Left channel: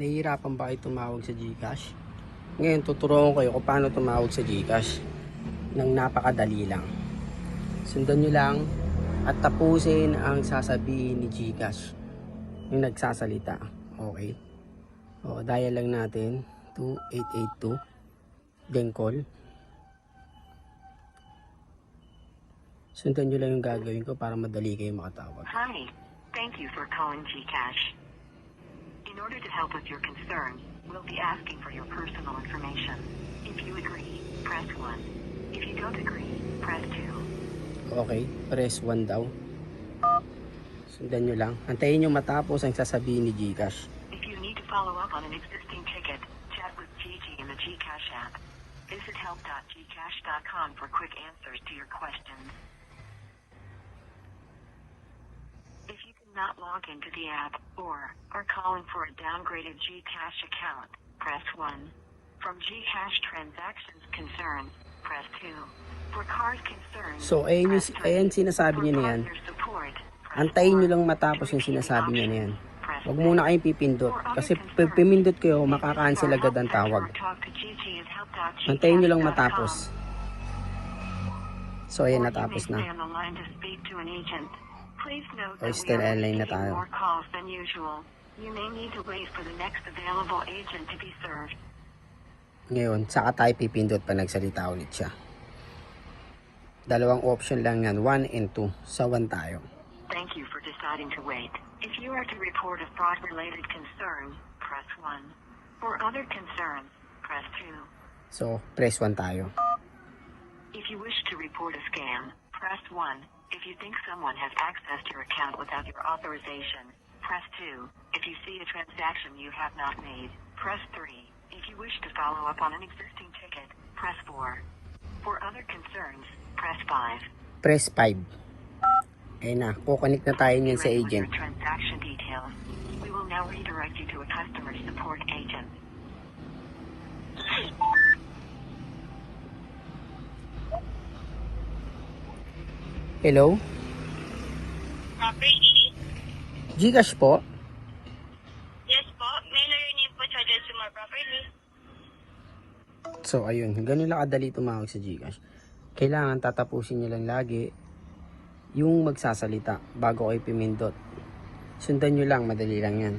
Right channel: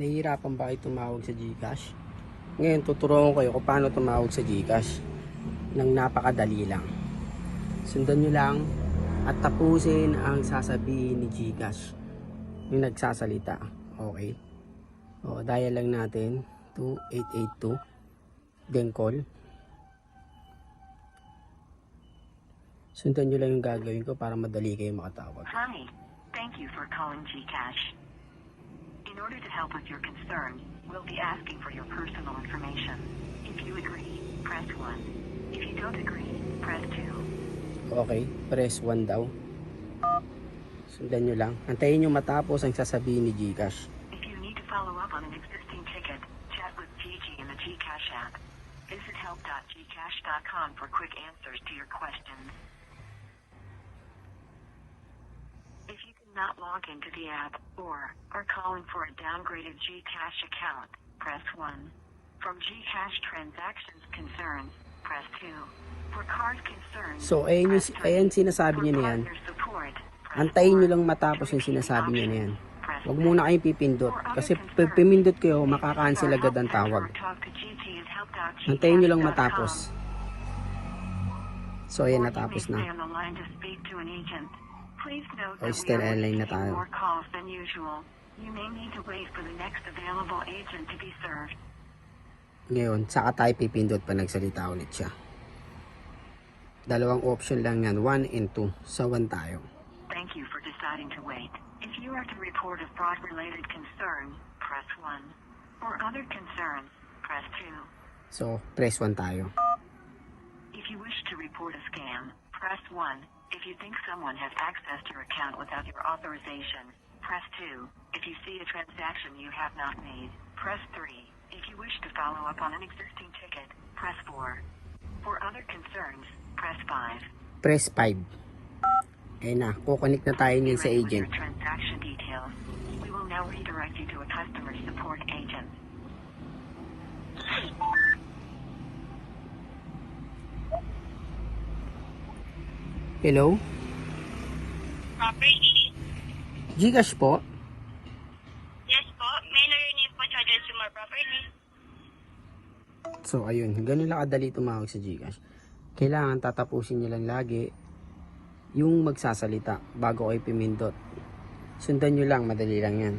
Nahihirapan ba kayo tumawag sa GCash? Ngayon tuturuan ko kayo kung paano tumawag sa GCash nang napakadali lang. Sundan nyo lang at tapusin ang sasabihin ni GCash yung nagsasalita. Okay? O, dial lang natin 2882 then call. Sundan nyo lang yung gagawin ko para madali kayo makatawag. Hi, thank you for calling GCash. In order to help with your concern, we'll be asking for your personal information. If you agree, press 1. If you don't agree, press 2. Okay, press 1 daw. Sundan nyo lang. Antayin nyo matapos ang sasabihin ni GCash. If you need to follow up on an existing ticket, chat with Gigi in the GCash app. Visit help.gcash.com for quick answers to your questions. If you cannot log into the app or are calling for a downgraded GCash account, press 1. From GCash transactions concerns, press 2. For card concerns, So, ayan sinasabi nyo na yan. Antayin nyo lang matapos yung sinasabi nyo na yan. Huwag muna kayong pipindot. Kasi pag pimindot kayo, makaka-cancel agad ang tawag. Antayin nyo lang matapos. So, ayan, natapos na. O, still online na tayo. Ngayon, saka tayo pipindot pa nagsalita ulit siya. Dalawang option lang yan, 1 and 2. Sa 1 tayo. Thank you for deciding to wait. If you are to report a fraud-related concern, press 1. For other concerns, press 2. So, press 1 tayo. If you wish to report a scam, press 1. If you think someone has accessed your account without your authorization, press 2. If you see a transaction you have not made, press 3. If you wish to follow up on an existing ticket, press 4. For other concerns, press 5. Press 5. Ayun na, kukonek na tayo niyan sa agent. Transaction details. We will now redirect you to a customer support agent. Hello? Property? GCash po? Yes po. May narinig po sa consumer property. So, ayun. Ganun lang kadali tumawag sa GCash. Kailangan tatapusin nyo lang lagi yung magsasalita bago kayo pimindot. Sundan nyo lang, madali lang yan.